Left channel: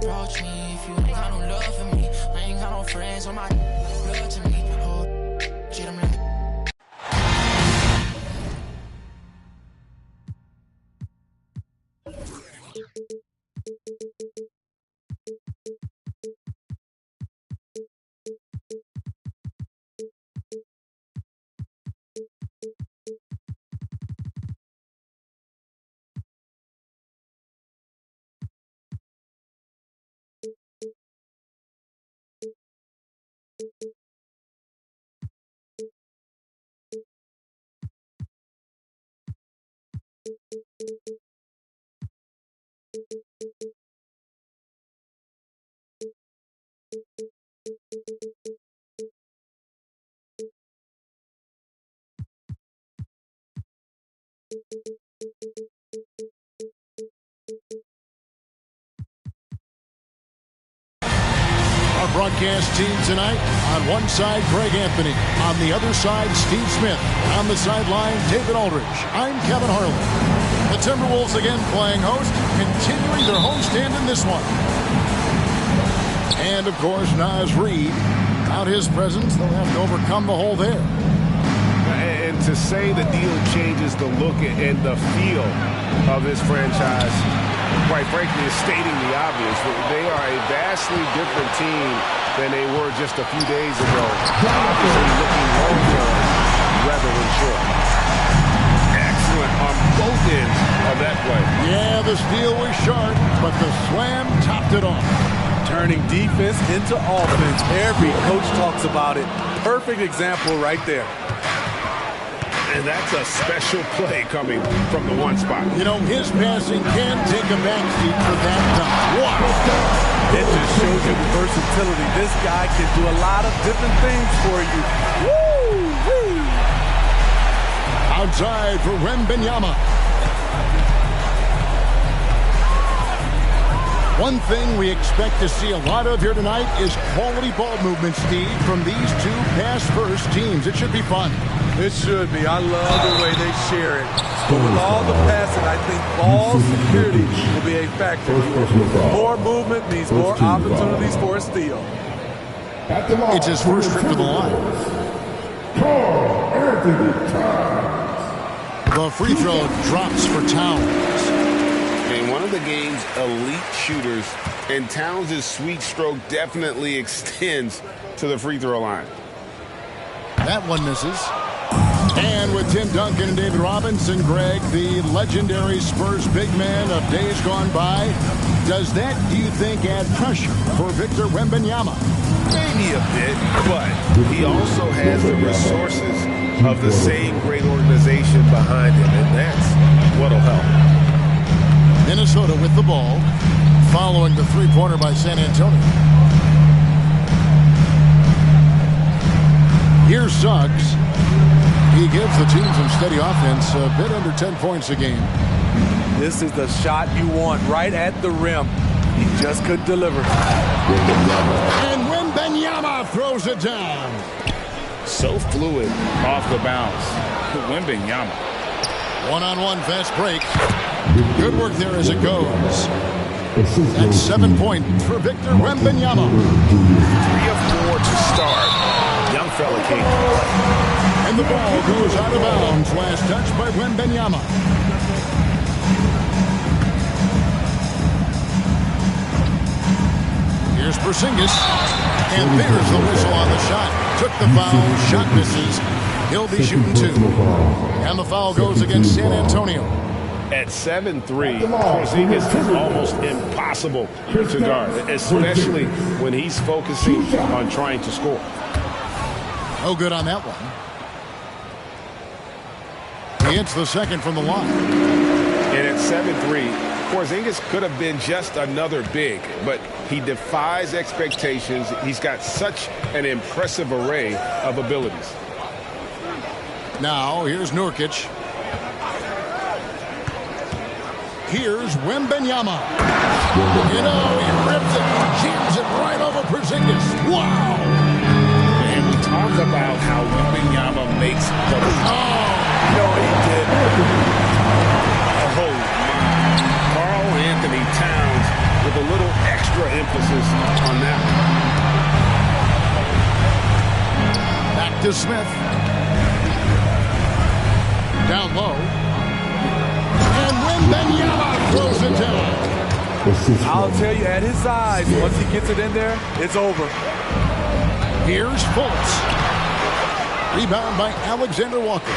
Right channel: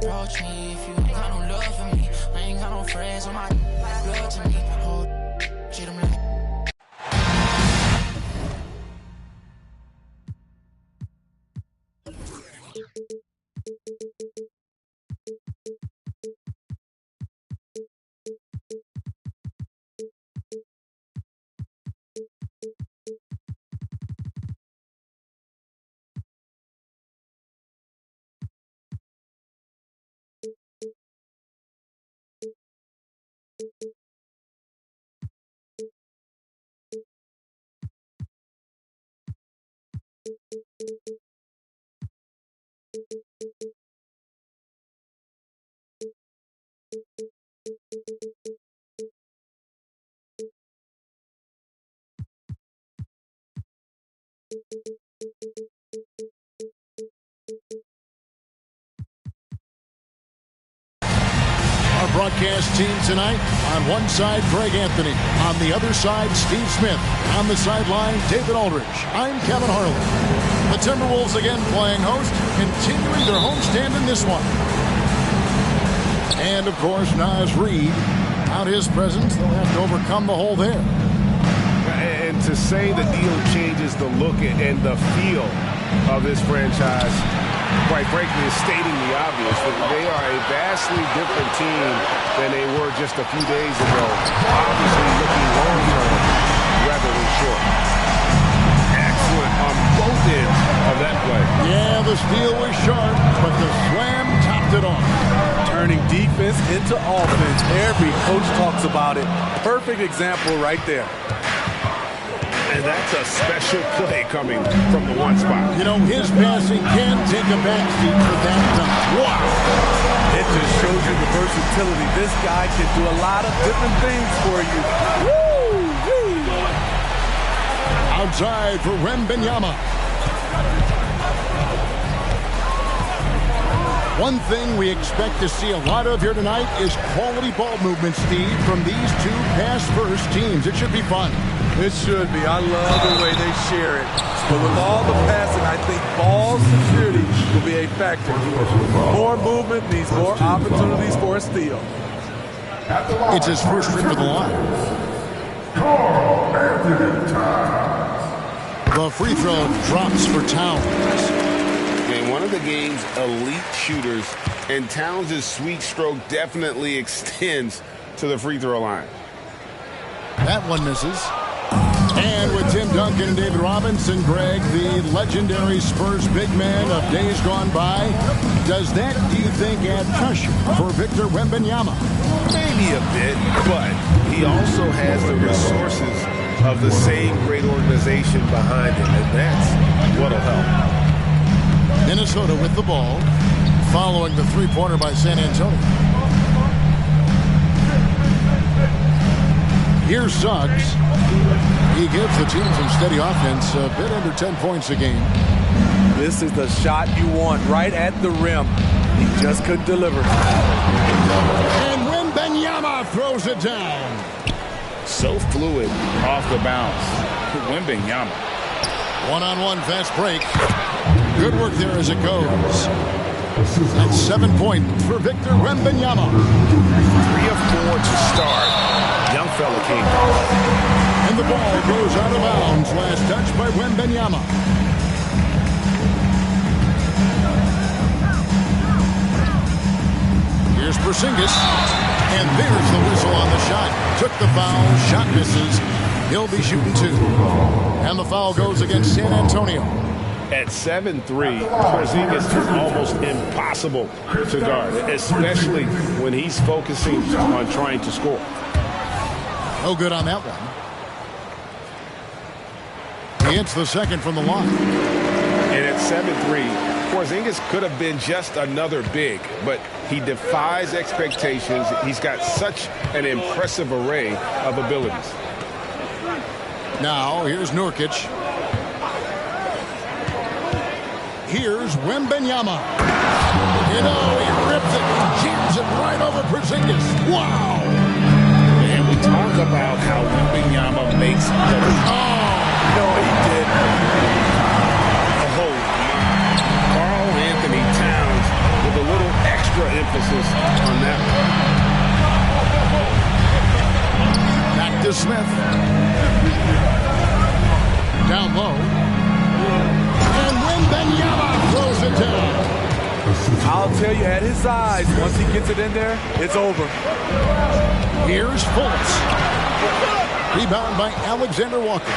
don't approach me if you ain't got no love for me. I ain't got no friends on my blood to me. Hold shit, I'm like. Our broadcast team tonight, on one side, Greg Anthony. On the other side, Steve Smith. And on the sideline, David Aldridge. I'm Kevin Harlan. The Timberwolves again playing host, continuing their homestand in this one. And, of course, Naz Reid. Without his presence, they'll have to overcome the hole there. And to say the deal changes the look and the feel of this franchise, quite frankly, is stating the obvious. They are a vastly different team than they were just a few days ago. Obviously looking long-term rather than short. Excellent on both ends of that play. Yeah, the steal was sharp, but the slam topped it off. Turning defense into offense. Every coach talks about it. Perfect example right there. And that's a special play coming from the one spot. You know, his passing can take a backseat for that dunk. Wow. It just shows you the versatility. This guy can do a lot of different things for you. Woo-wee. Outside for Wembanyama. One thing we expect to see a lot of here tonight is quality ball movement, Steve, from these two pass-first teams. It should be fun. It should be. I love the way they share it. But with all the passing, I think ball security will be a factor here. More movement means more opportunities for a steal. It's his first trip to the line. Karl-Anthony Towns. The free throw drops for Towns. And one of the game's elite shooters, and Towns' sweet stroke definitely extends to the free throw line. That one misses. And with Tim Duncan and David Robinson, Greg, the legendary Spurs big man of days gone by, does that, do you think, add pressure for Victor Wembanyama? Maybe a bit, but he also has the resources of the same great organization behind him, and that's what'll help. Minnesota with the ball, following the three-pointer by San Antonio. Here's Suggs. He gives the team some steady offense, a bit under 10 points a game. This is the shot you want right at the rim. He just couldn't deliver. And Wembanyama throws it down. So fluid off the bounce. Wembanyama. One-on-one fast break. Good work there as it goes. That's 7 points for Victor Wembanyama. 3 of 4 to start. Young fella came to play. And the ball goes out of bounds. Last touch by Wembanyama. Here's Porzingis. And there's the whistle on the shot. Took the foul. Shot misses. He'll be shooting 2. And the foul goes against San Antonio. At 7'3", Porzingis is almost impossible to guard, especially when he's focusing on trying to score. No good on that one. He hits the second from the line. And at 7'3", Porzingis could have been just another big, but he defies expectations. He's got such an impressive array of abilities. Now, here's Nurkic. Here's Wembanyama. You know, he rips it and jams it right over Porzingis. Wow! And we talk about how Wembanyama makes the... Oh! No, he did. Oh, my. Karl-Anthony Towns with a little extra emphasis on that one. Back to Smith. Down low. And Wembanyama throws it down. I'll tell you, at his size, once he gets it in there, it's over. Here's Fultz. Rebound by Alexander Walker.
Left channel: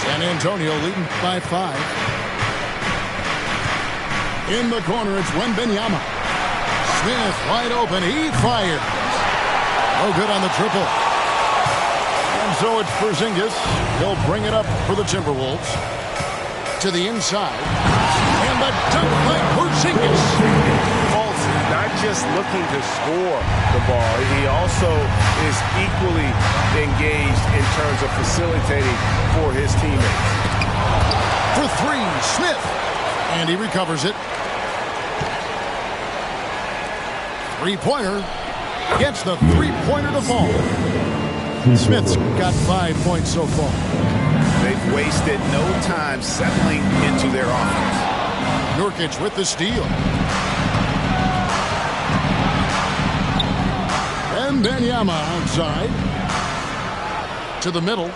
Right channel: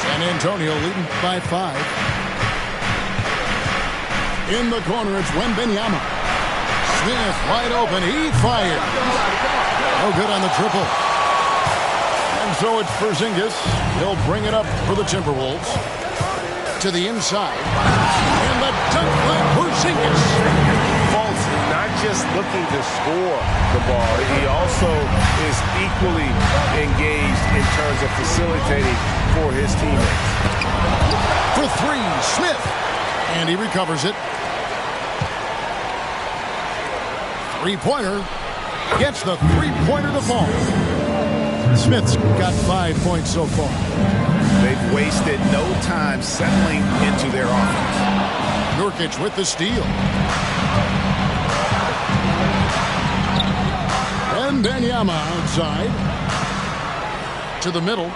San Antonio leading by 5. In the corner, it's Wembanyama. Smith wide open. He fires. No good on the triple. And so it's Porzingis. He'll bring it up for the Timberwolves. To the inside. And the dunk by Porzingis. Fultz is not just looking to score the ball. He also is equally engaged in terms of facilitating for his teammates. For 3, Smith. And he recovers it. Three-pointer. Gets the three-pointer to fall. Smith's got 5 points so far. They've wasted no time settling into their offense. Nurkic with the steal. And Wembanyama outside. To the middle.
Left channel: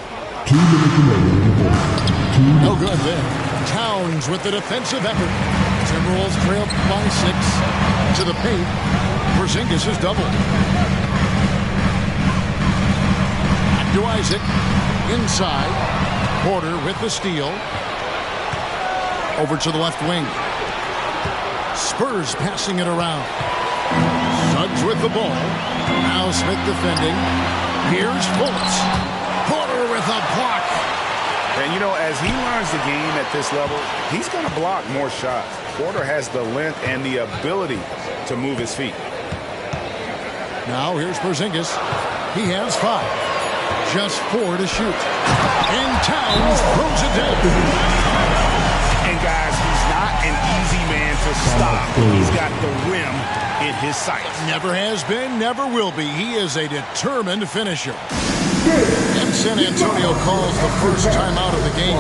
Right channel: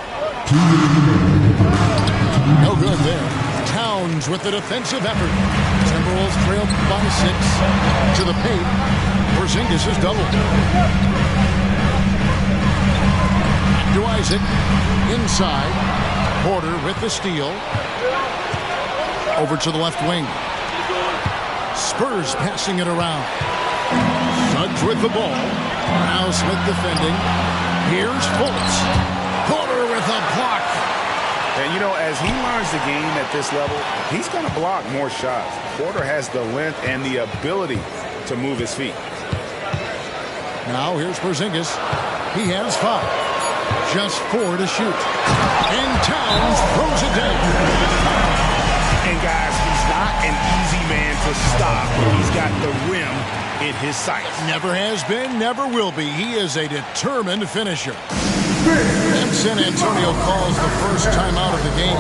No good there. Towns with the defensive effort. Timberwolves trail by 6. To the paint. Porzingis is doubled. Back to Isaac. Inside. Porter with the steal. Over to the left wing. Spurs passing it around. Suggs with the ball. Now Smith defending. Here's Fultz. Porter with a block. And, you know, as he learns the game at this level, he's going to block more shots. Porter has the length and the ability to move his feet. Now here's Porzingis. He has 5. Just 4 to shoot. And Towns throws it down. And, guys, he's not an easy man to stop when he's got the rim in his sights. Never has been, never will be. He is a determined finisher. And San Antonio calls the first timeout of the game.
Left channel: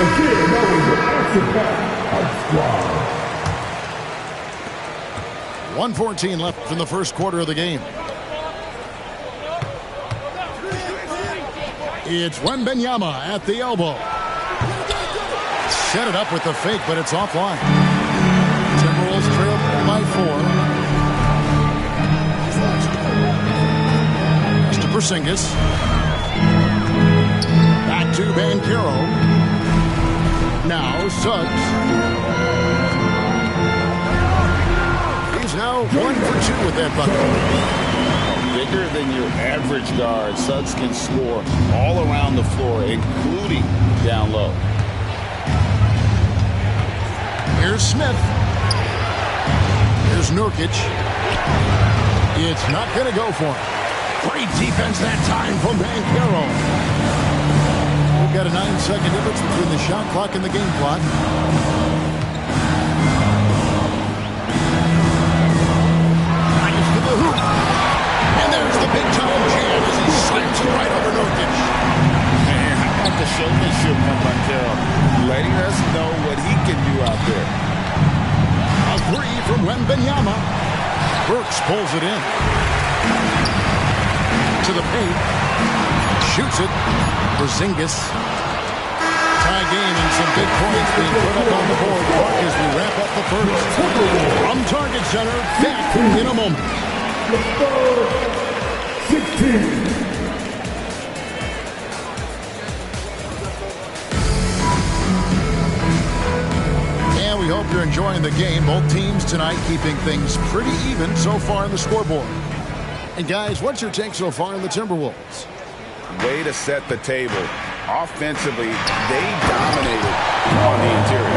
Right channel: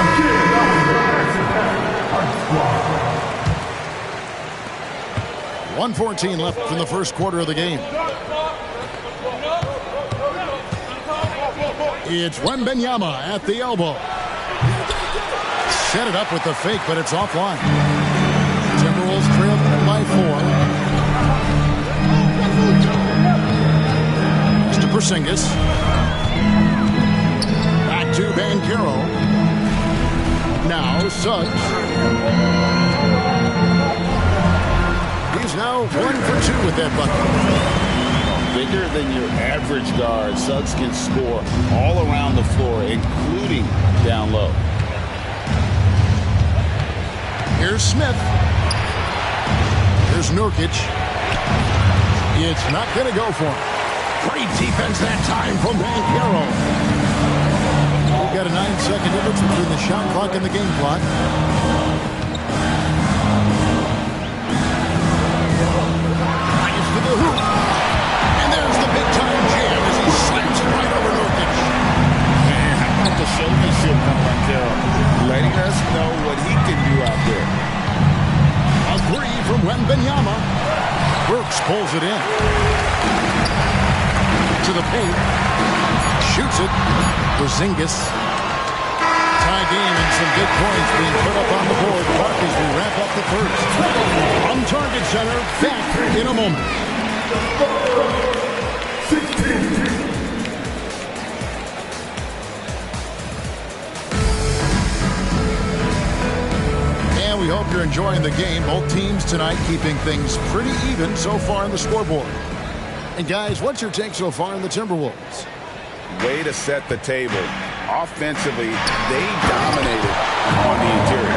Again, that was the squad. 1:14 left in the first quarter of the game. It's Wembanyama at the elbow. Set it up with the fake, but it's offline. Timberwolves trail by 4. Pass to Porzingis. Back to Banchero. Now Suggs. He's now 1 for 2 with that bucket. Bigger than your average guard, Suggs can score all around the floor, including down low. Here's Smith. Here's Nurkic. It's not going to go for him. Great defense that time from Banchero. We've got a 9-second difference between the shot clock and the game clock. Drives to the hoop. And there's the big-time jam as he slams it right over Nurkic. Man, how about the showmanship from Banchero? Letting us know what he can do out there. A 3 from Wembanyama. Burks pulls it in. To the paint. Shoots it. Porzingis. Tie game and some big points being put up on the board. Clark as we wrap up the first. From Target Center, back in a moment. hope you're enjoying the game. Both teams tonight keeping things pretty even so far in the scoreboard. And guys, what's your take so far in the Timberwolves? Way to set the table. Offensively, they dominated on the interior.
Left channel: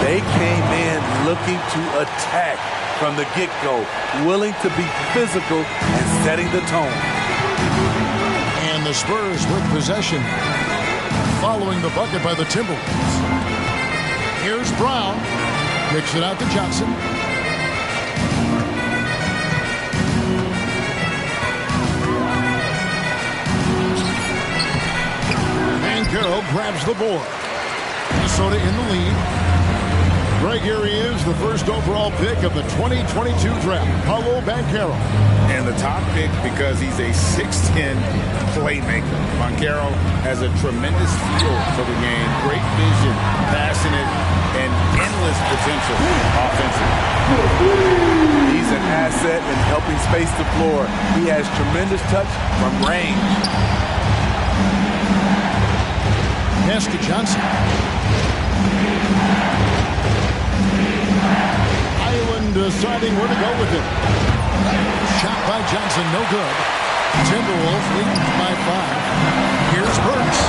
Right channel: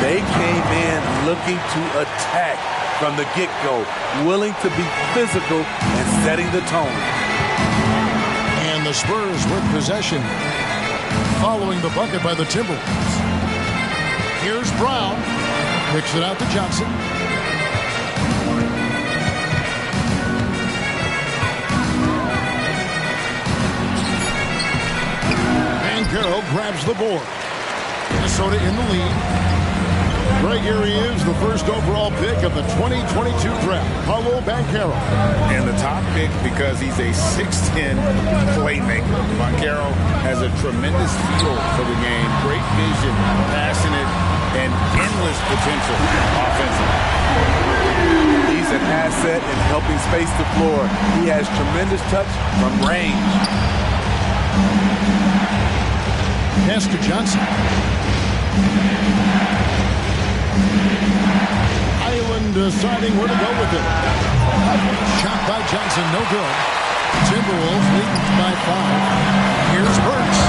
They came in looking to attack from the get-go, willing to be physical and setting the tone. And the Spurs with possession, following the bucket by the Timberwolves. Here's Brown, kicks it out to Johnson. Banchero grabs the board. Minnesota in the lead. Greg, here he is, the first overall pick of the 2022 draft, Paolo Banchero. And the top pick because he's a 6'10 playmaker. Banchero has a tremendous feel for the game, great vision, passionate, and endless potential offensively. He's an asset in helping space the floor. He has tremendous touch from range. Pass to Johnson. Island deciding where to go with it. Shot by Johnson, no good. Timberwolves leading by 5. Here's Burks,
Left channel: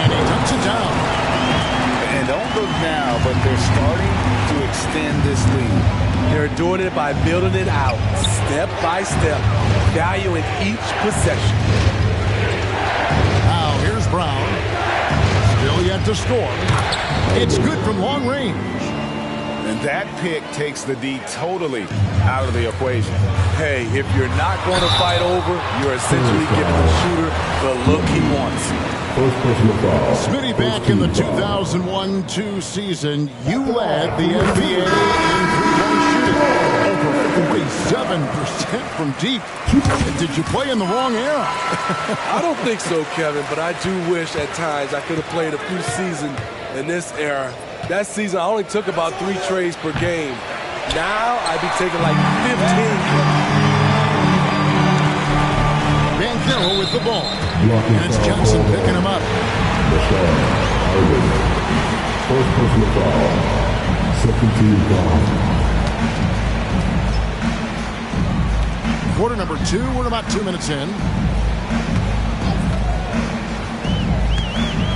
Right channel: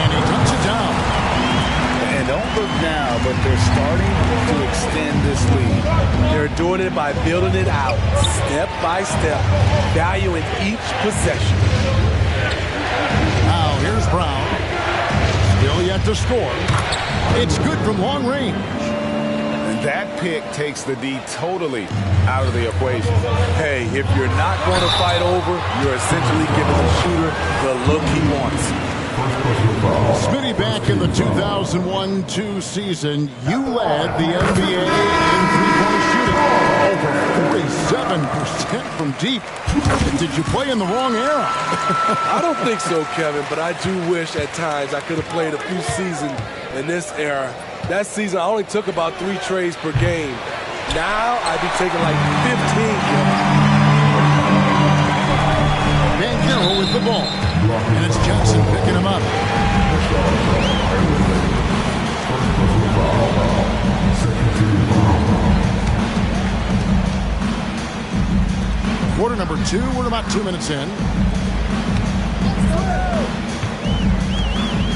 and he dunks it down. And don't look now, but they're starting to extend this lead. They're doing it by building it out, step by step, valuing each possession. Now here's Brown. Still yet to score. It's good from long range. And that pick takes the D totally out of the equation. Hey, if you're not going to fight over, you're essentially giving the shooter the look he wants. Smitty, back in the 2001-2 season, you led the NBA in three-point shooting. Over 47% from deep. Did you play in the wrong era? I don't think so, Kevin, but I do wish at times I could have played a few seasons in this era. That season, I only took about 3 trades per game. Now, I'd be taking like 15, Kevin. Banchero with the ball. And it's Johnson picking him up. First personal foul. Second team foul. Quarter number 2. We're about 2 minutes in.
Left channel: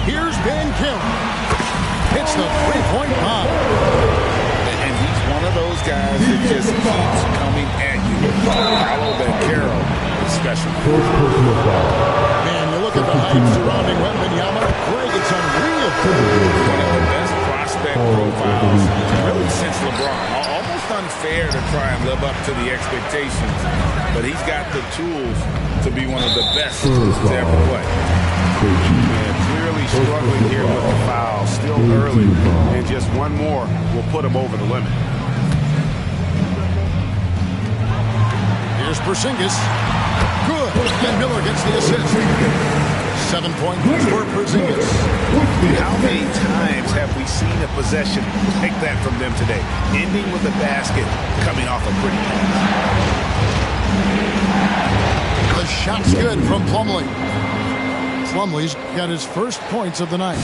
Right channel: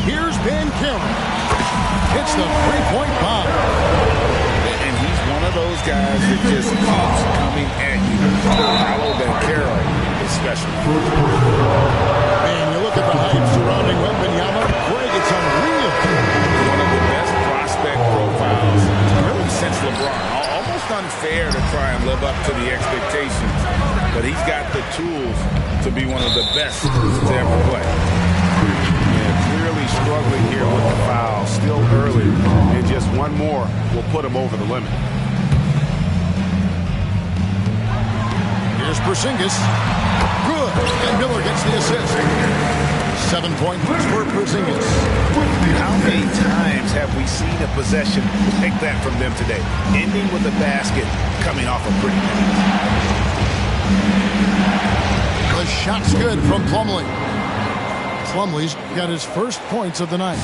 Here's Banchero. Hits the three-point bomb. And he's one of those guys that just keeps coming at you. Paolo Banchero is special. Man, you look at the hype surrounding Wembanyama. Greg, it's unreal. One of the best prospect profiles really since LeBron. Almost unfair to try and live up to the expectations. But he's got the tools to be one of the best to ever play. Yeah, clearly struggling here with the foul. Still early, and just one more will put him over the limit. Here's Porzingis. Good. And Miller gets the assist. 7 points for Porzingis. How many times have we seen a possession like that from them today? Ending with a basket, coming off a pretty pass. The shot's good from Plumlee. Plumlee's got his first points of the night.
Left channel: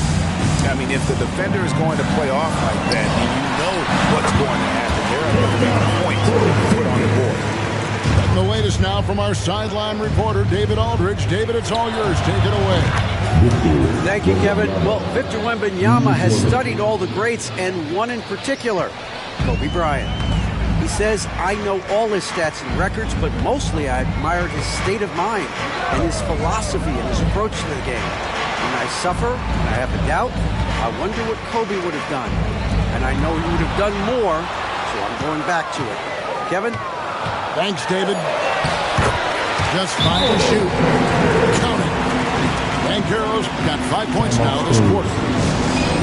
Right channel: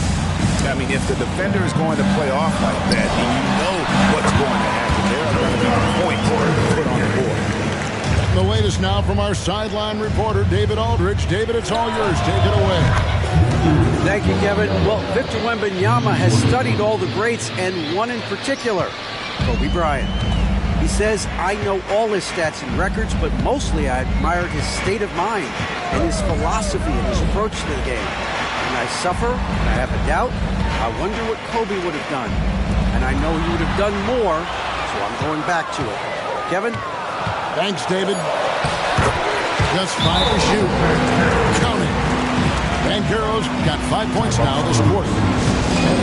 I mean, if the defender is going to play off like that, and you know what's going to happen, there are going to be points put on the board. And the latest now from our sideline reporter, David Aldridge. David, it's all yours. Take it away. Thank you, Kevin. Well, Victor Wembanyama has studied all the greats, and one in particular, Kobe Bryant. He says, I know all his stats and records, but mostly I admired his state of mind and his philosophy and his approach to the game. When I suffer, when I have a doubt, I wonder what Kobe would have done. And I know he would have done more, so I'm going back to it. Kevin? Thanks, David. Just 5 to shoot. Count it. Banchero's got 5 points now this quarter.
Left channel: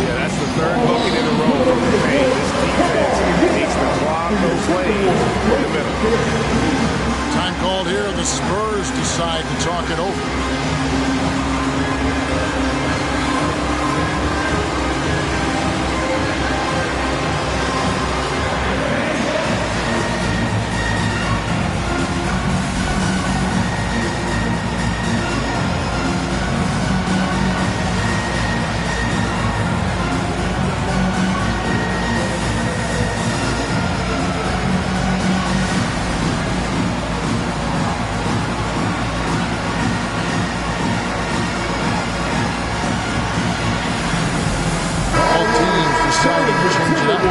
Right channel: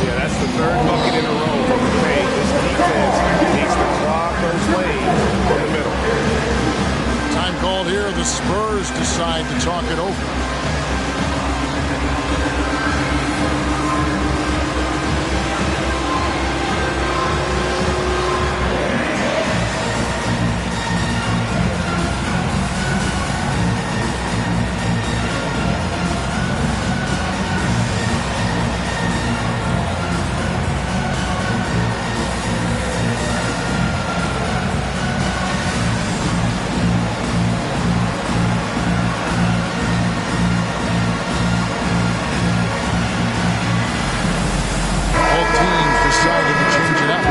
Yeah, that's the third bucket in a row from the paint. This defense needs to clog those lanes in the middle. Time called here. The Spurs decide to talk it over. deciding to change it up.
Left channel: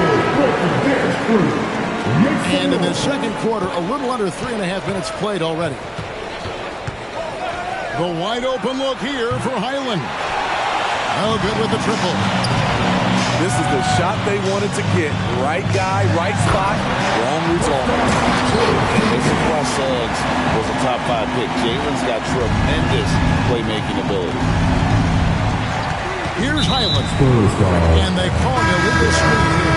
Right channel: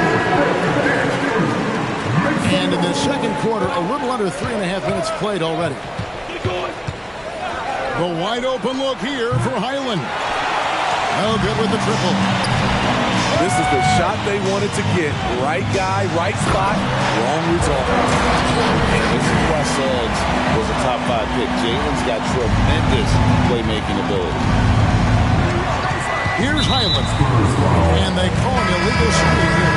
And in the second quarter, a little under 3.5 minutes played already. The wide open look here for Highland. Oh, good with the triple. This is the shot they wanted to get. Right guy, right spot, wrong result. This is why Suggs was a top 5 pick. Jalen's got tremendous playmaking ability. Here's Highland. And they call an illegal screen here.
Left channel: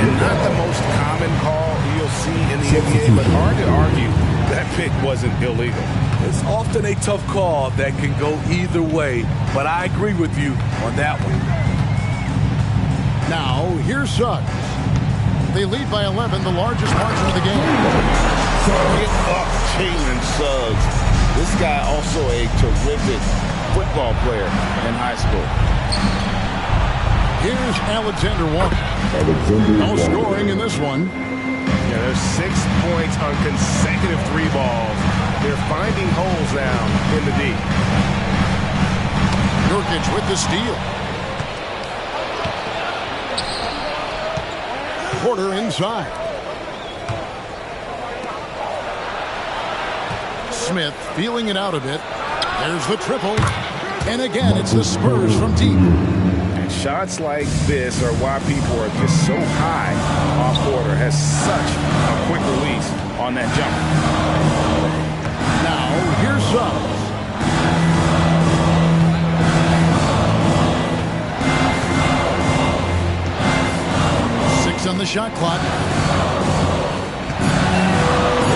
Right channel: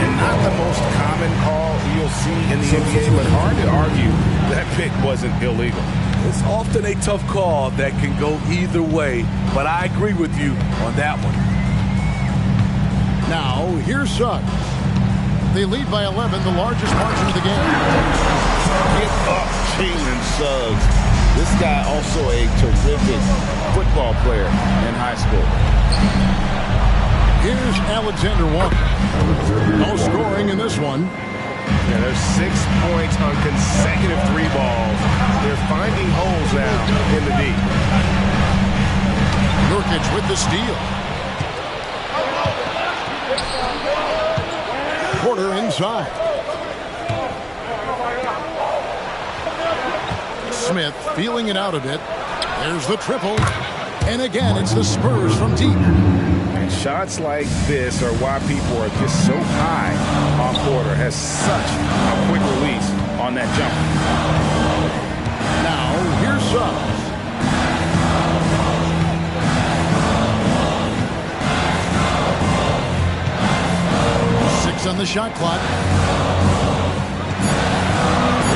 And not the most common call you'll see in the NBA, but hard to argue that pick wasn't illegal. It's often a tough call that can go either way, but I agree with you on that one. Now, here's Suggs. They lead by 11, the largest margin of the game. Get up, Jalen Suggs. This guy also a terrific football player in high school. Here's Alexander Walker. No scoring in this one. Yeah, there's 6 points on consecutive 3 balls. They're finding holes now in the D. Nurkic with the steal. Porter inside. Smith feeling it out a bit. There's the triple. And again, it's the Spurs from deep. And shots like this are why people are just so high on Porter. Has such a quick release on that jump. Now, here's Suggs. 6 on the shot clock.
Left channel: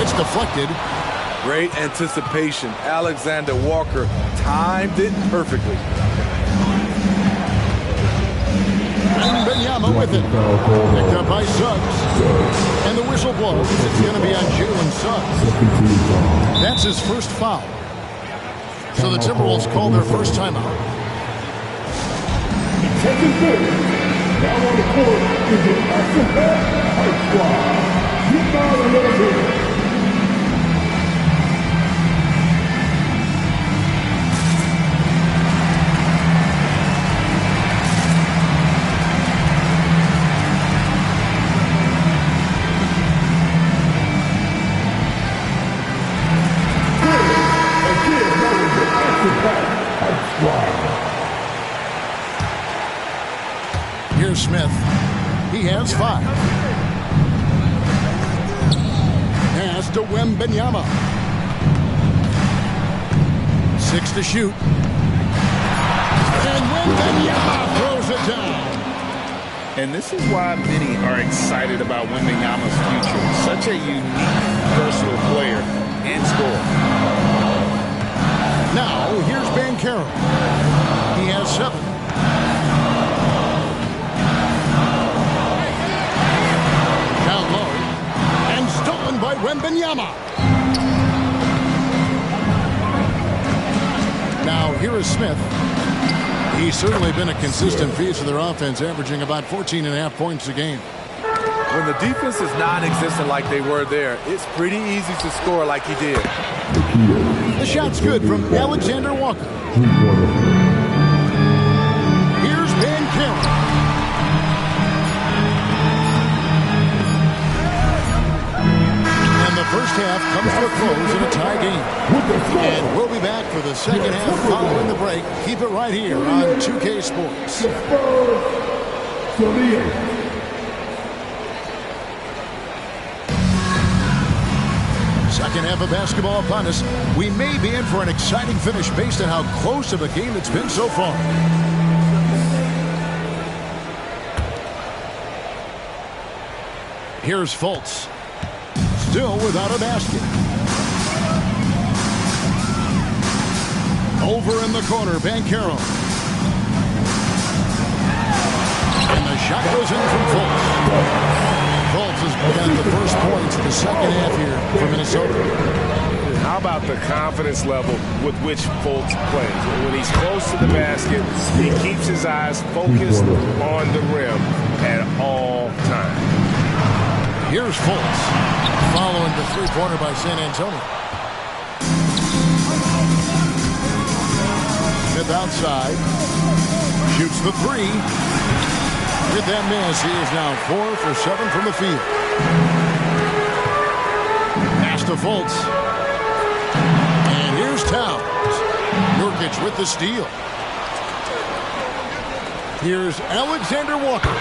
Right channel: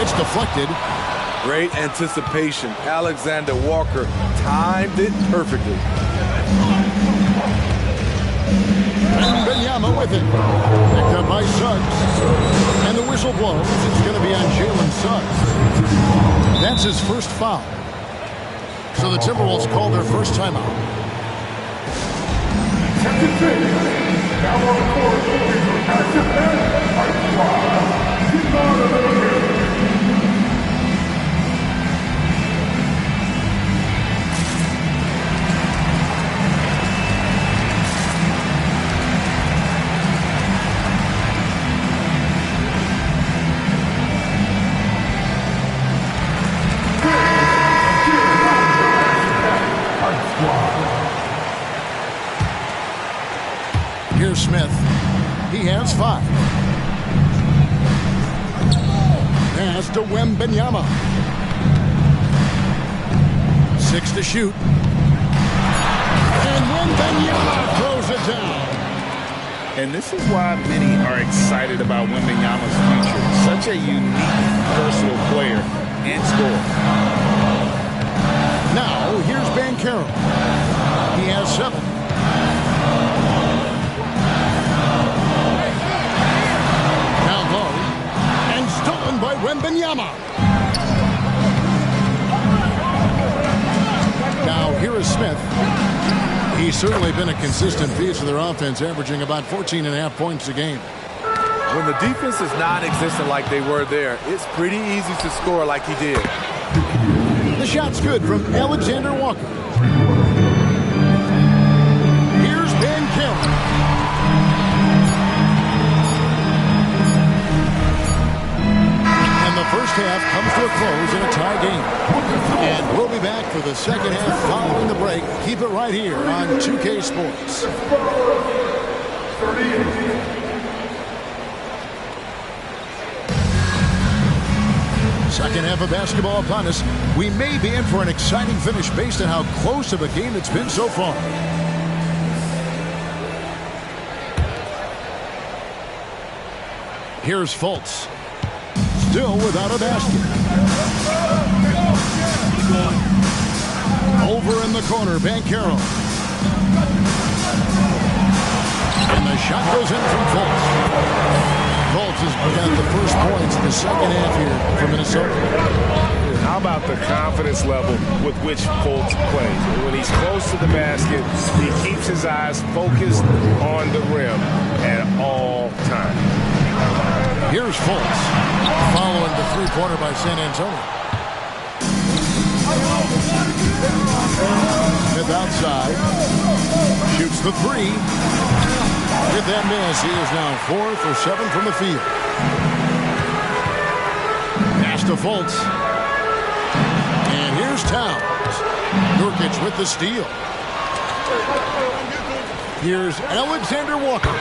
It's deflected. Great anticipation. Alexander Walker timed it perfectly. Wembanyama with it. Picked up by Suggs. And the whistle blows. It's going to be on Jalen Suggs. That's his first foul. So the Timberwolves call their first timeout. Now on the court is your SFN High Squad. Rebound eliminated. Here's Smith. He has 5. Pass to Wembanyama. 6 to shoot. And Wembanyama throws it down. And this is why many are excited about Wembanyama's future. Such a unique, versatile player and scorer. Now, here's Banchero. He has 7. Down low. And stolen by Wembanyama. Now, here is Smith. He's certainly been a consistent piece of their offense, averaging about 14.5 points a game. When the defense is non-existent like they were there, it's pretty easy to score like he did. The shot's good from Alexander Walker. Here's Banchero. And the first half comes to a close in a tie game. And we'll be back for the second half following the break. Keep it right here on 2K Sports. 38. Second half of basketball upon us. We may be in for an exciting finish based on how close of a game it's been so far. Here's Fultz. Still without a basket. Over in the corner, Banchero. And the shot goes in from Fultz. Fultz has got the first points in the second half here for Minnesota. How about the confidence level with which Fultz plays? When he's close to the basket, he keeps his eyes focused on the rim at all times. Here's Fultz, following the three-pointer by San Antonio. Smith outside, shoots the 3. With that miss, he is now 4 for 7 from the field. Pass to Fultz. And here's Towns. Nurkic with the steal. Here's Alexander Walker.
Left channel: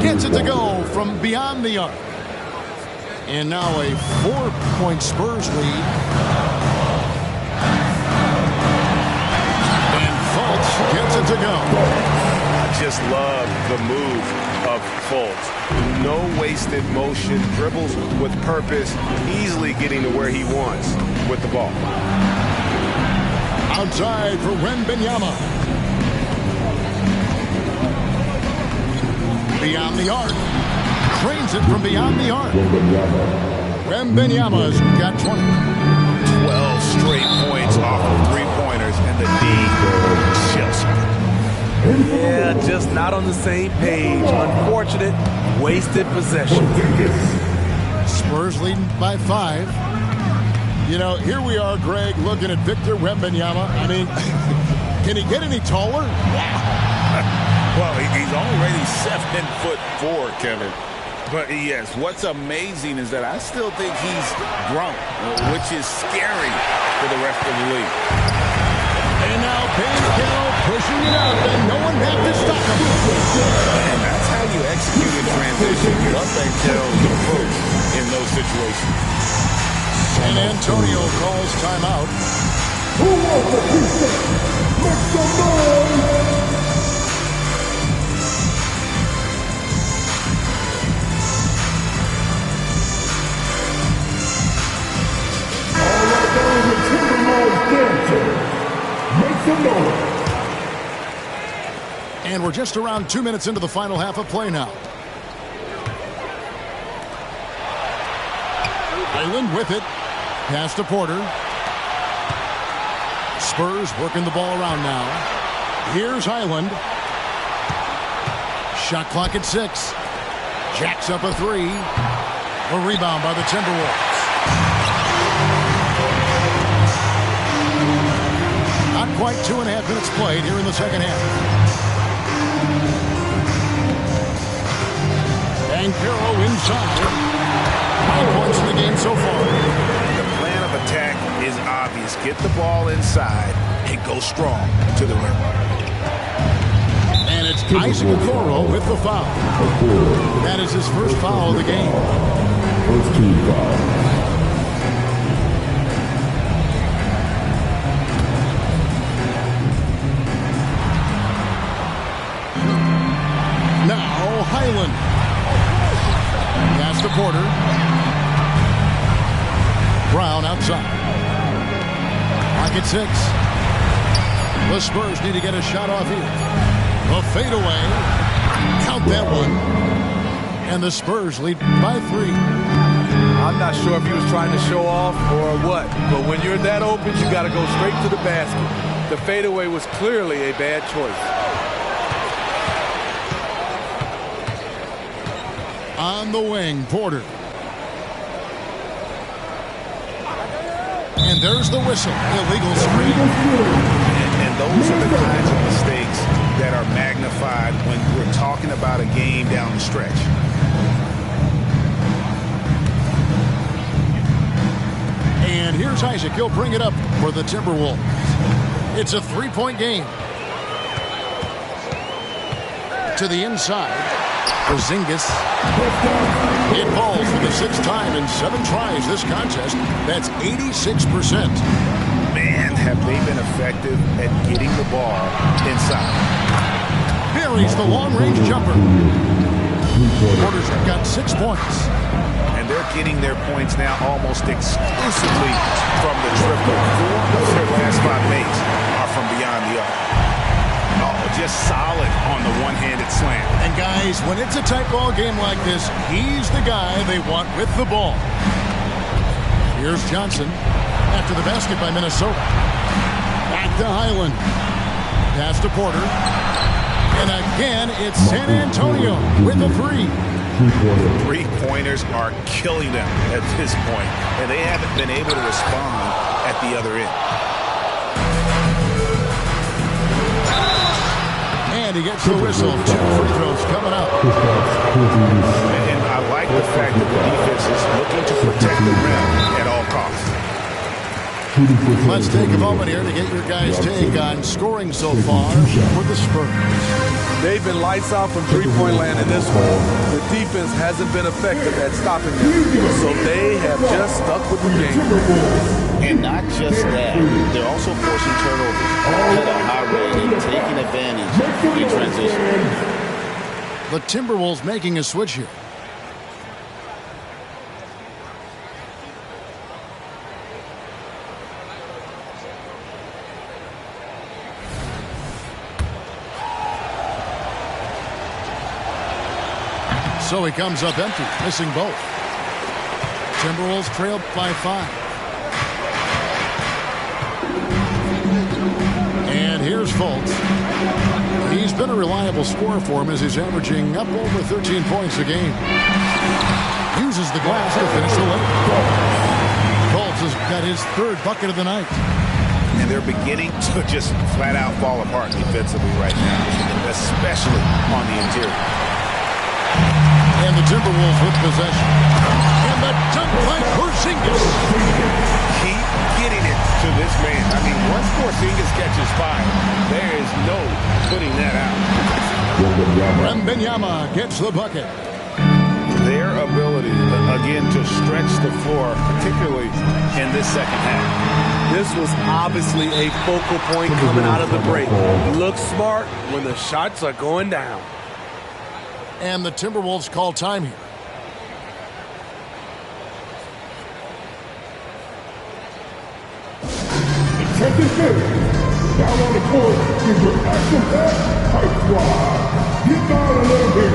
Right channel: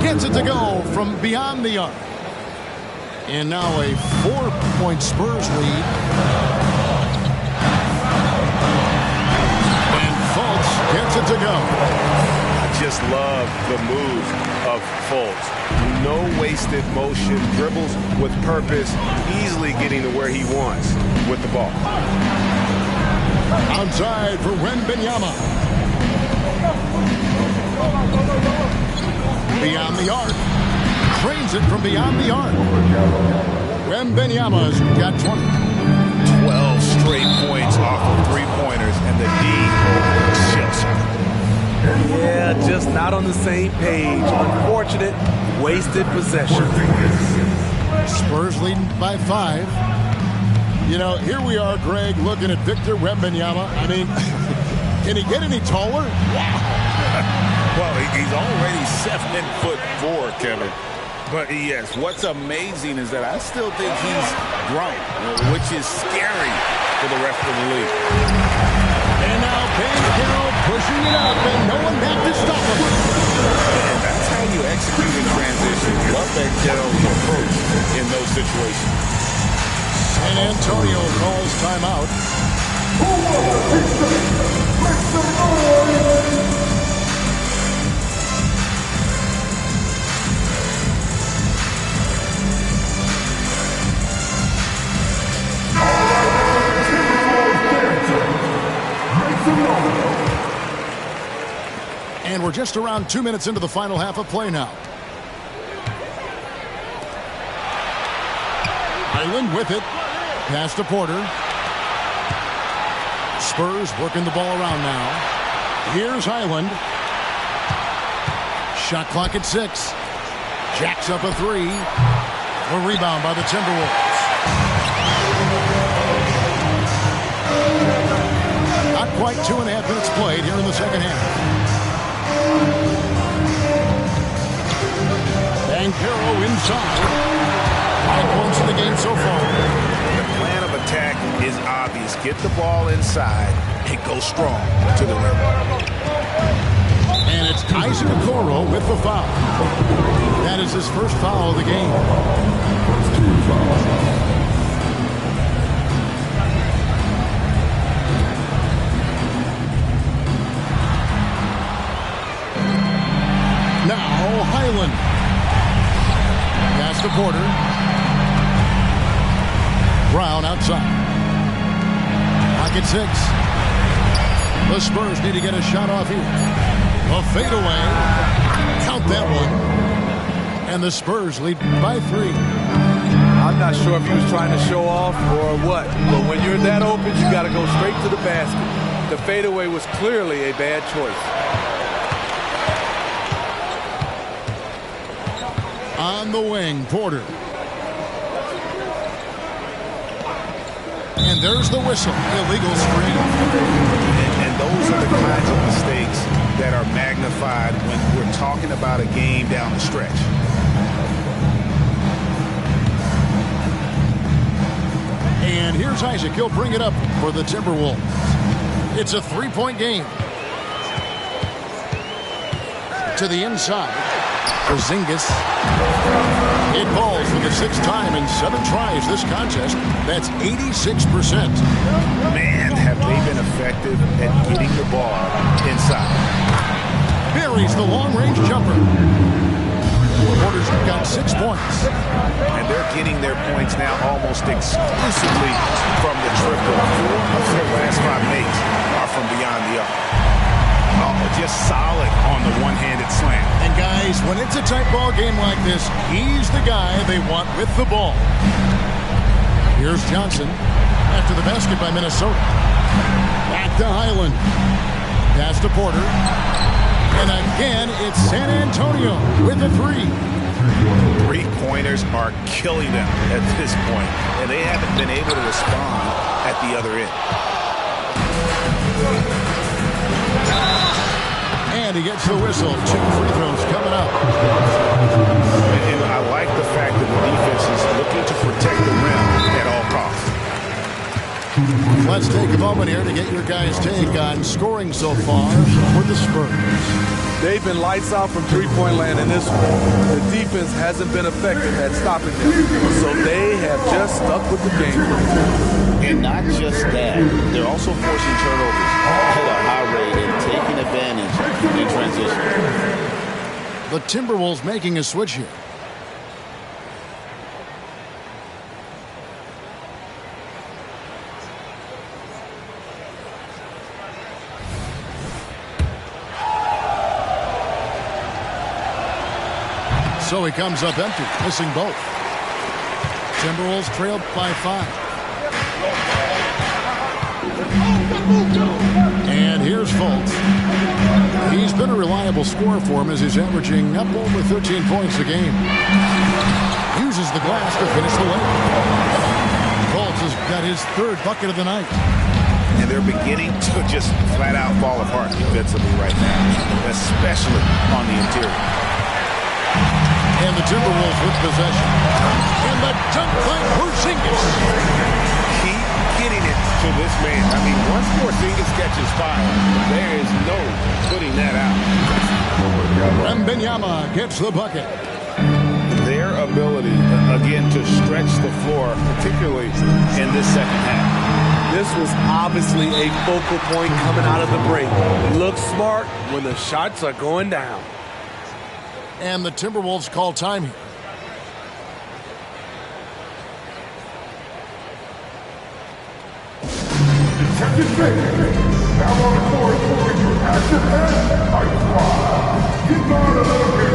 Gets it to go from beyond the arc. And now a 4-point Spurs lead. And Fultz gets it to go. I just love the move of Fultz. No wasted motion, dribbles with purpose, easily getting to where he wants with the ball. Outside for Wembanyama. Beyond the arc. Trains it from beyond the arc. Wembanyama's got 20. 12 straight points off of three-pointers, and the D shell shock. Yeah, just not on the same page. Unfortunate, wasted possession. Spurs leading by 5. You know, here we are, Greg, looking at Victor Wembanyama. I mean, can he get any taller? Wow. Well, he's already 7'4", Kevin. But yes, what's amazing is that I still think he's grown, which is scary for the rest of the league. And now Banchero pushing it up, and no one back to stop him. And that's how you execute in transition. You love Banchero's approach in those situations. San Antonio calls timeout. Make some noise! And we're just around 2 minutes into the final half of play now. Highland with it. Pass to Porter. Spurs working the ball around now. Here's Highland. Shot clock at 6. Jacks up a 3. A rebound by the Timberwolves. Not quite 2.5 minutes played here in the second half. Banchero inside. 5 points in the game so far. The plan of attack is obvious. Get the ball inside and go strong to the rim. And it's Isaac Okoro with the foul. That is his first foul of the game. First team foul. Now Highland. Pass to Porter. Brown outside. Pocket 6. The Spurs need to get a shot off here. A fadeaway. Count that one. And the Spurs lead by 3. I'm not sure if he was trying to show off or what, but when you're that open, you got to go straight to the basket. The fadeaway was clearly a bad choice. On the wing, Porter. And there's the whistle. Illegal screen. And those are the kinds of mistakes that are magnified when we're talking about a game down the stretch. And here's Isaac. He'll bring it up for the Timberwolves. It's a 3-point game. To the inside. Porzingis. It falls for the 6th time in 7 tries this contest. That's 86%. Man, have they been effective at getting the ball inside. Buries the long-range jumper. Porter's got 6 points. And they're getting their points now almost exclusively from the triple. 4 of their last 5 makes are from beyond the arc. Oh, just solid on the one-handed slam. And guys, when it's a tight ball game like this, he's the guy they want with the ball. Here's Johnson after the basket by Minnesota. Back to Highland. Pass to Porter. And again, it's San Antonio with a 3. 3-pointers are killing them at this point, and they haven't been able to respond at the other end. And he gets the whistle. 2 free throws coming up. And I like the fact that the defense is looking to protect the rim at all costs. Let's take a moment here to get your guys' take on scoring so far for the Spurs. They've been lights out from three-point land in this one. The defense hasn't been effective at stopping them, so they have just stuck with the game. And not just that, they're also forcing turnovers at a high rate and taking advantage in transition. The Timberwolves making a switch here. So he comes up empty, missing both. Timberwolves trailed by 5. And here's Fultz. He's been a reliable scorer for him as he's averaging up over 13 points a game. Uses the glass to finish the layup. Fultz has got his 3rd bucket of the night. And they're beginning to just flat out fall apart defensively right now, especially on the interior. And the Timberwolves with possession. And the dunk by Porzingis. Keep getting it to this man. I mean, once Porzingis catches fire, there is no putting that out. Wembanyama gets the bucket. Their ability, again, to stretch the floor, particularly in this second half. This was obviously a focal point coming out of the break. Look smart when the shots are going down. And the Timberwolves call time here. Attention fans, now on the court is your action-packed Hype Squad. Get down a little bit.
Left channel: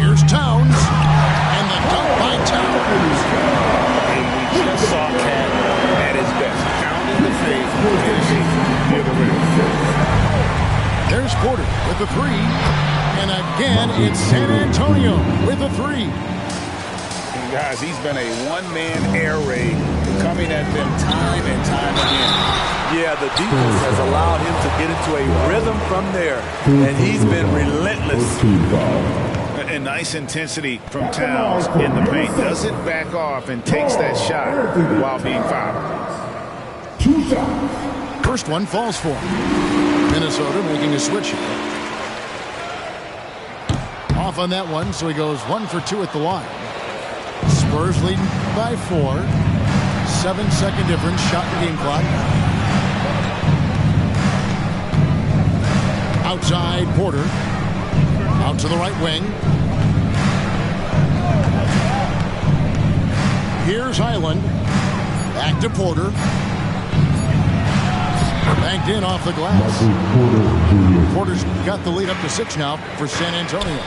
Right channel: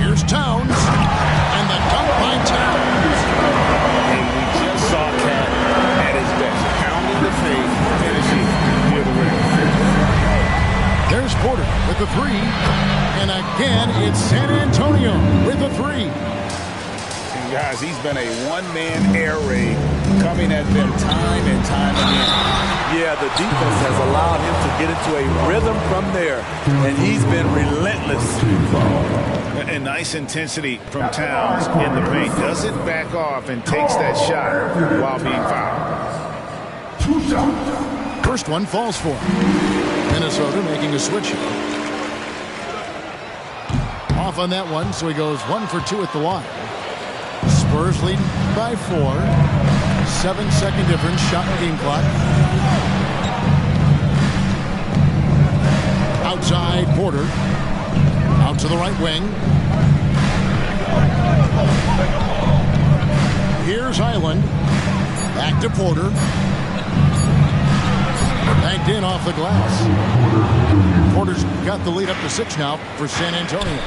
Here's Towns, and the dunk by Towns. And we just saw Cat at his best, pounding the paint, finishing near the rim. There's Porter with the 3, and again it's San Antonio with the 3. And guys, he's been a one-man air raid coming at them time and time again. Yeah, the defense has allowed him to get into a rhythm from there, and he's been relentless. And nice intensity from Towns in the paint. Doesn't back off and takes that shot while being fouled. 2 shots. First one falls for him. Minnesota making a switch. Off on that one, so he goes 1 for 2 at the line. Spurs leading by 4. 7-second difference, shot in game clock. Outside, Porter. Out to the right wing. Here's Highland. Back to Porter. Banked in off the glass. Porter's got the lead up to 6 now for San Antonio.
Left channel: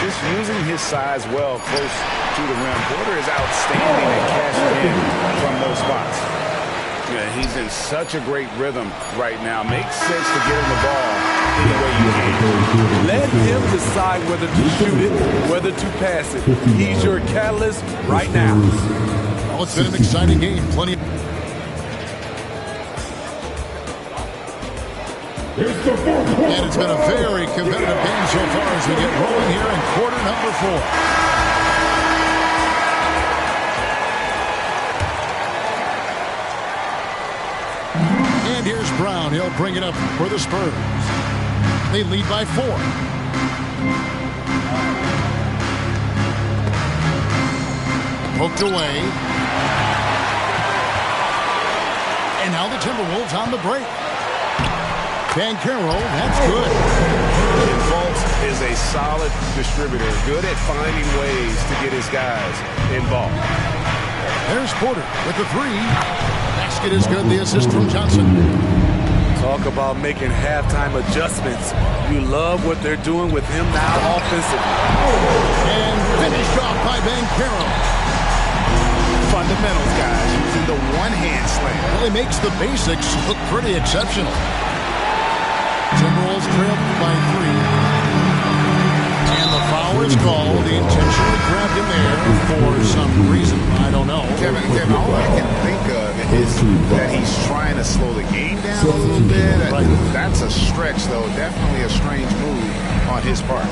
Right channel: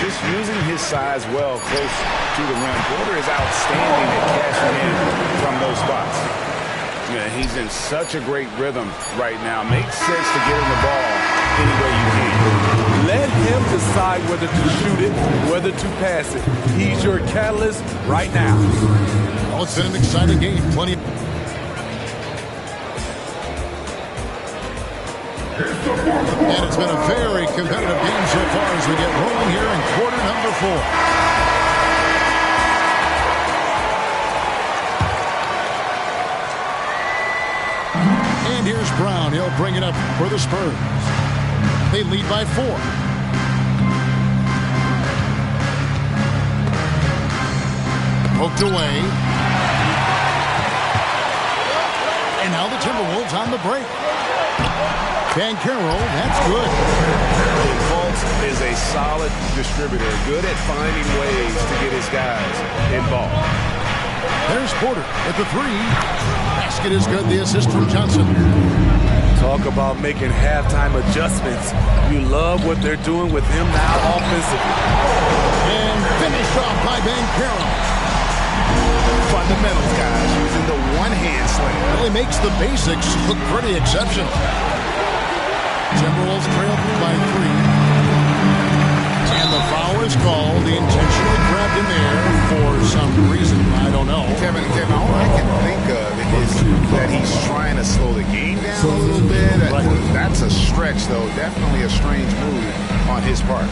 Just using his size well close to the rim. Porter is outstanding at cashing in from those spots. Yeah, he's in such a great rhythm right now. Makes sense to get him the ball any way you can. Let him decide whether to shoot it, whether to pass it. He's your catalyst right now. Well, it's been an exciting game. Plenty. And it's been a very competitive game so far as we get rolling here in quarter number 4. And here's Brown. He'll bring it up for the Spurs. They lead by 4. Poked away. And now the Timberwolves on the break. Banchero, that's good. And Fultz is a solid distributor, good at finding ways to get his guys involved. There's Porter with the three. Basket is good. The assist from Johnson. Talk about making halftime adjustments. You love what they're doing with him now offensively. And finished off by Banchero. Fundamentals, guys, using the one-hand slam. Really makes the basics look pretty exceptional. Timberwolves trail by 3. And the foul is called. He intentionally grabbed him there for some reason. I don't know. Kevin, all I can think of is that he's trying to slow the game down a little bit. Right. That's a stretch, though. Definitely a strange move on his part.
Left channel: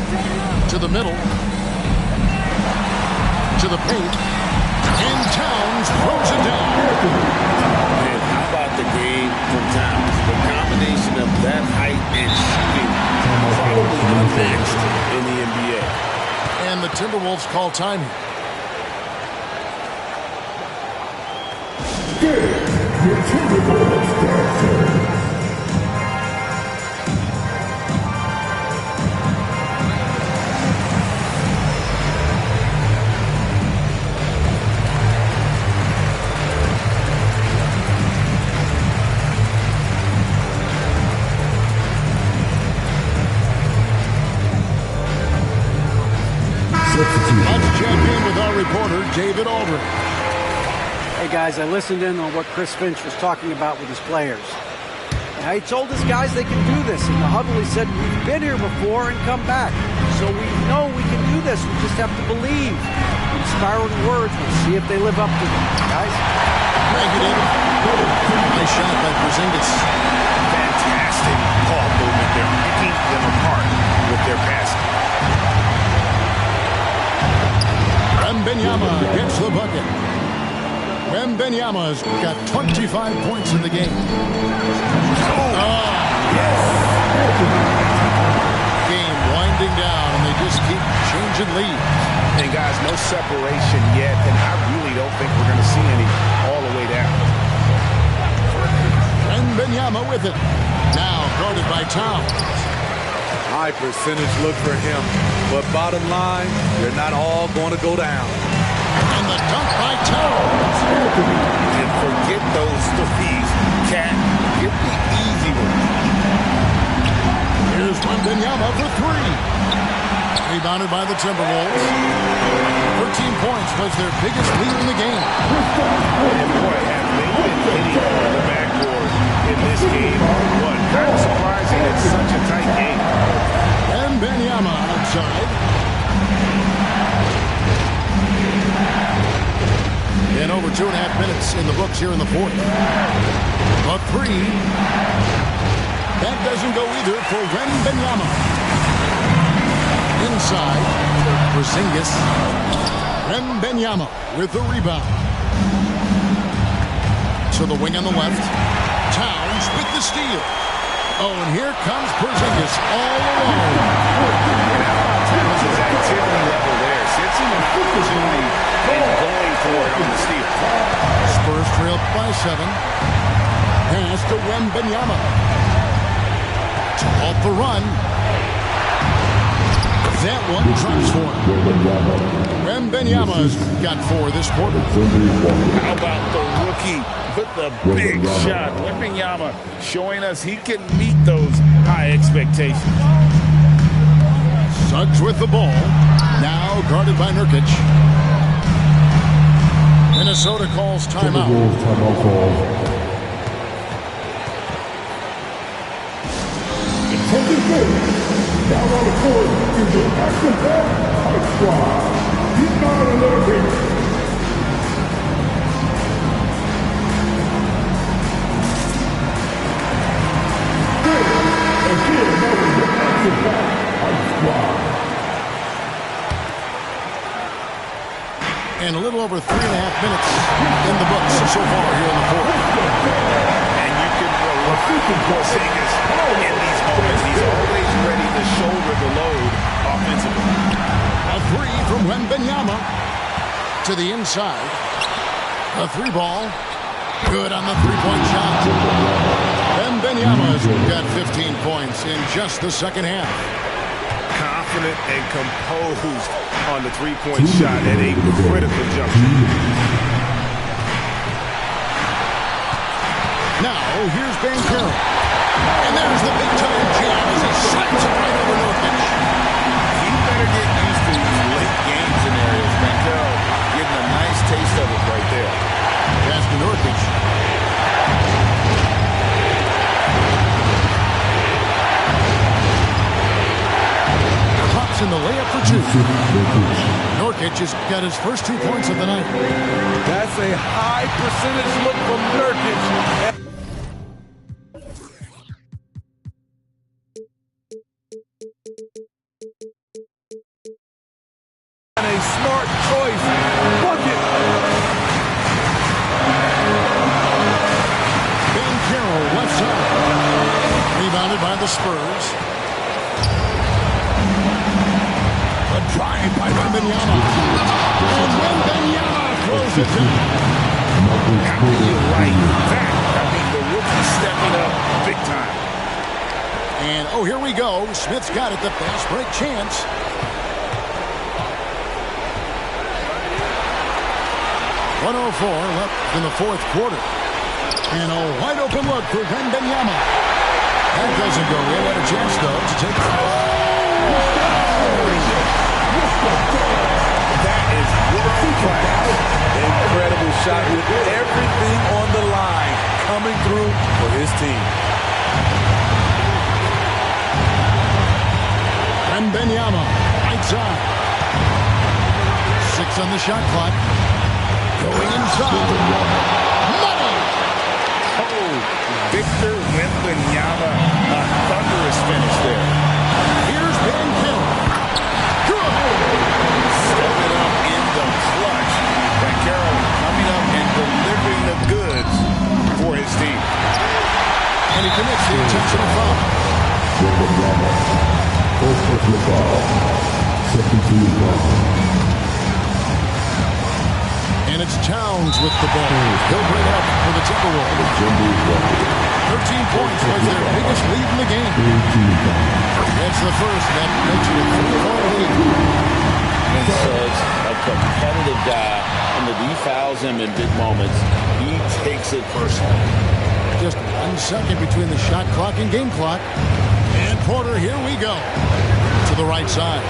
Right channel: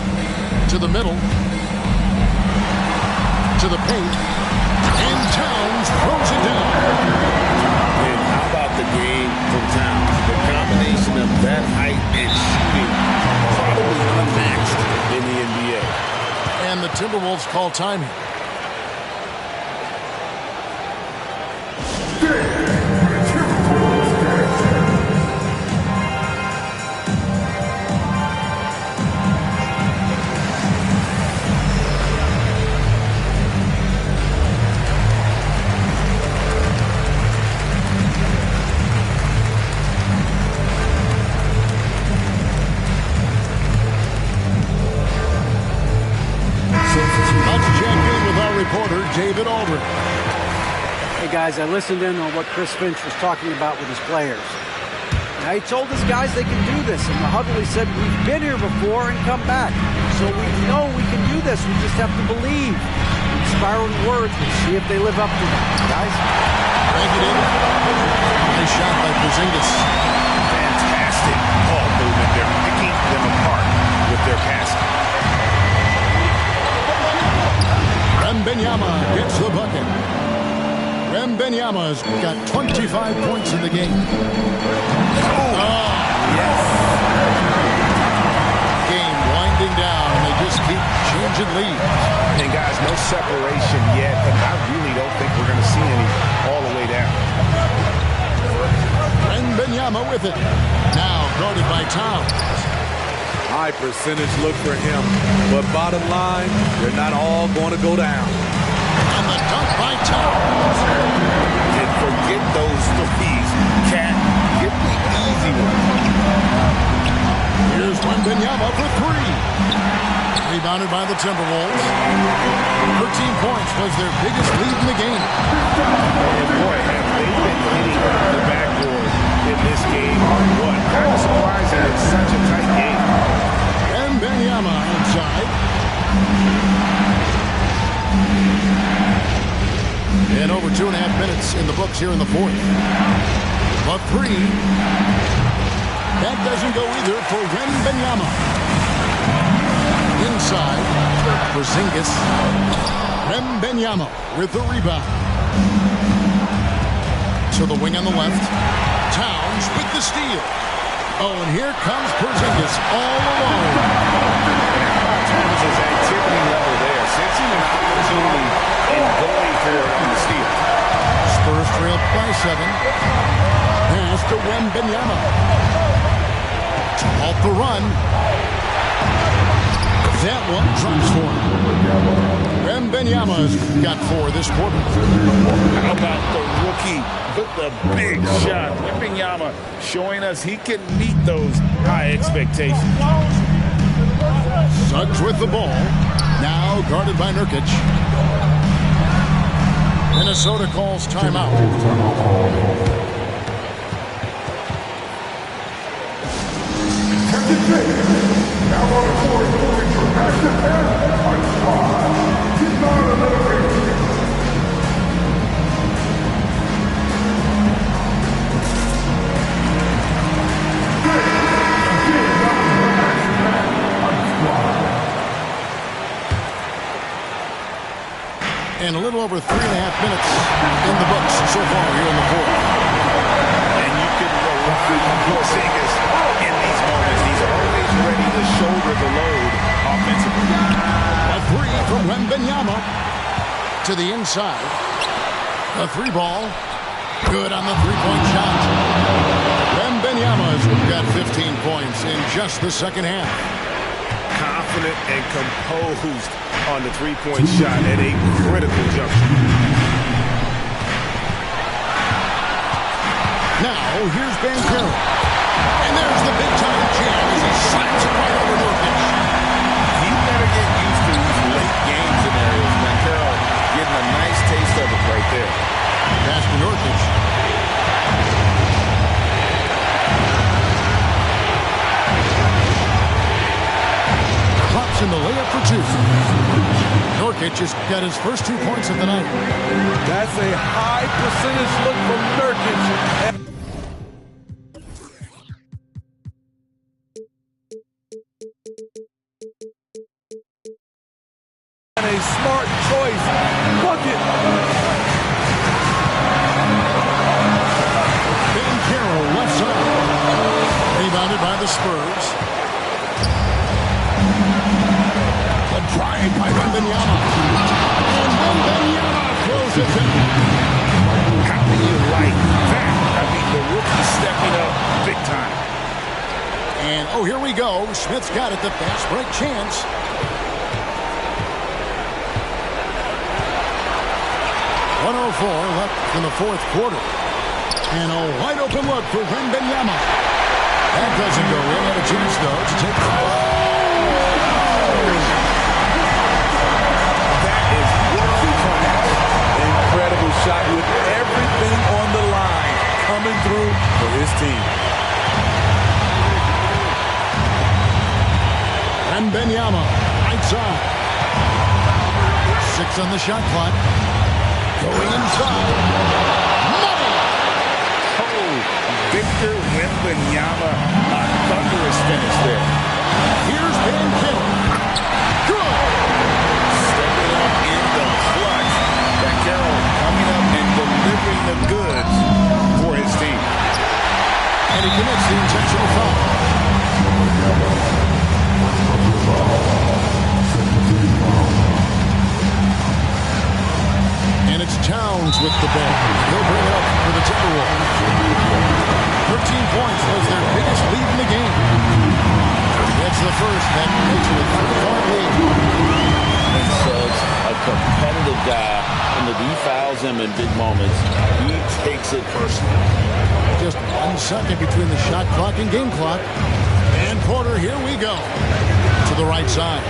To the middle. To the paint. And Towns throws it down. And how about the game from Towns? The combination of that height and shooting, probably unmatched in the NBA. And the Timberwolves call timing. Let's check in with our reporter, David Aldridge. Hey, guys, I listened in on what Chris Finch was talking about with his players. Now, he told his guys they can do this. In the huddle, he said, we've been here before and come back. So we know we can do this. We just have to believe. Inspiring words. We'll see if they live up to them. Guys? Thank you, David. Nice shot by Porzingis. Fantastic ball movement. They're picking them apart with their passing. Wembanyama gets the bucket. Wembanyama's got 25 points in the game. Oh, yes. Game winding down, and they just keep changing leads. And, guys, no separation yet, and I really don't think we're going to see any all the way down. Wembanyama with it. Now guarded by Towns. High percentage look for him. But bottom line, they're not all going to go down. And the dunk by Towns. And forget those threes. Cat, get the easy one. Here's Wembanyama for 3. Rebounded by the Timberwolves. 13 points was their biggest lead in the game. And, boy, have they been hitting the backboard in this game or what? Kind of surprising it's such a tight game. Wembanyama outside. And over 2.5 minutes in the books here in the fourth. A 3. That doesn't go either for Wembanyama. Inside, Porzingis. Wembanyama with the rebound. To the wing on the left. Towns with the steal. Oh, and here comes Porzingis all alone. And how about Towns' activity level there? Sensing an opportunity and going for it on the steal. Spurs trailed by 7. Pass to Wembanyama. To halt the run. That one drops for him. Wembanyama's got 4 this quarter. How about the rookie with the big shot? Wembanyama showing us he can meet those high expectations. Suggs with the ball. Now guarded by Nurkic. Minnesota calls timeout. Now on the court is your active high squad. He's not another game. And a little over 3.5 minutes in the books so far here in the fourth. And you can rely on Porzingis in these moments. He's always ready to shoulder the load offensively. A 3 from Wembanyama to the inside. A 3 ball. Good on the 3-point shot. Wembanyama's got 15 points in just the second half. confident and composed on the three-point shot at a critical juncture. Now, here's Banchero. And there's the big-time jam as he slams it right over Nurkic. He better get used to these late game scenarios. Banchero getting a nice taste of it right there. Pass to Nurkic. Pops in the layup for two. Nurkic has got his first 2 points of the night. That's a high percentage look from Nurkic. And a smart choice. Bucket. Banchero left side. Rebounded by the Spurs. The drive by Wembanyama. And Wembanyama throws it down. How do you like that? I mean, the rookie stepping up big time. And, oh, here we go. Smith's got it, the fast break chance. .104 left in the fourth quarter. And a wide open look for Wembanyama. That doesn't go in. Had a chance, though, to take it. That is world class. Incredible shot with everything on the line coming through for his team. Wembanyama, right side. 6 on the shot clock. Going inside. Money! Oh, Victor Wembanyama, a thunderous finish there. Here's Banchero. Good! Stepping up in the clutch. Banchero coming up and delivering the goods for his team. And he commits the intentional foul. And it's Towns with the ball. He'll bring it up for the Timberwolves. 13 points was their biggest lead in the game. Gets the first. That makes it a 3-point lead. And Suggs, a competitive guy, and if he fouls him in big moments, he takes it personally. Just 1 second between the shot clock and game clock. And Porter, here we go. To the right side.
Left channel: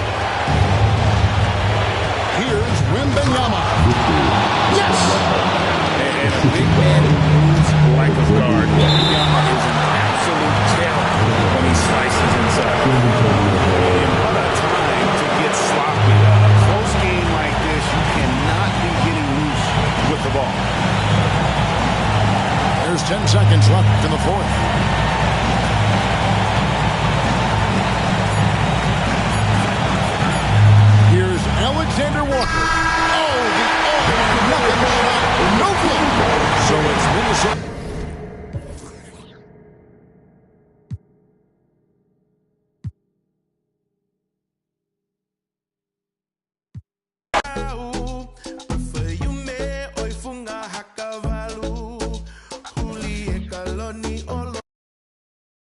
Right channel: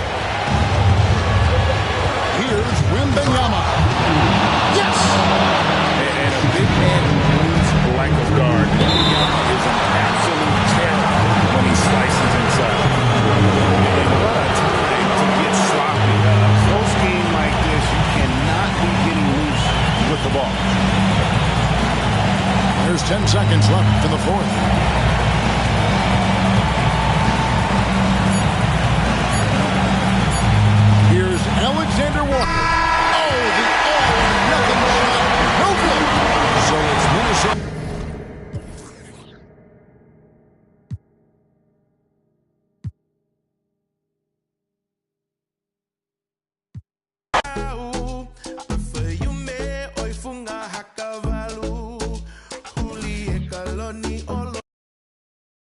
Here's Wembanyama. Yes! And a big man who moves like a guard. Wembanyama is an absolute terror when he slices inside. And what a time to get sloppy. A close game like this, you cannot be getting loose with the ball. There's 10 seconds left in the fourth. Here's Alexander Walker. Oh, the all-or-nothing shot. No good. So it's Minnesota.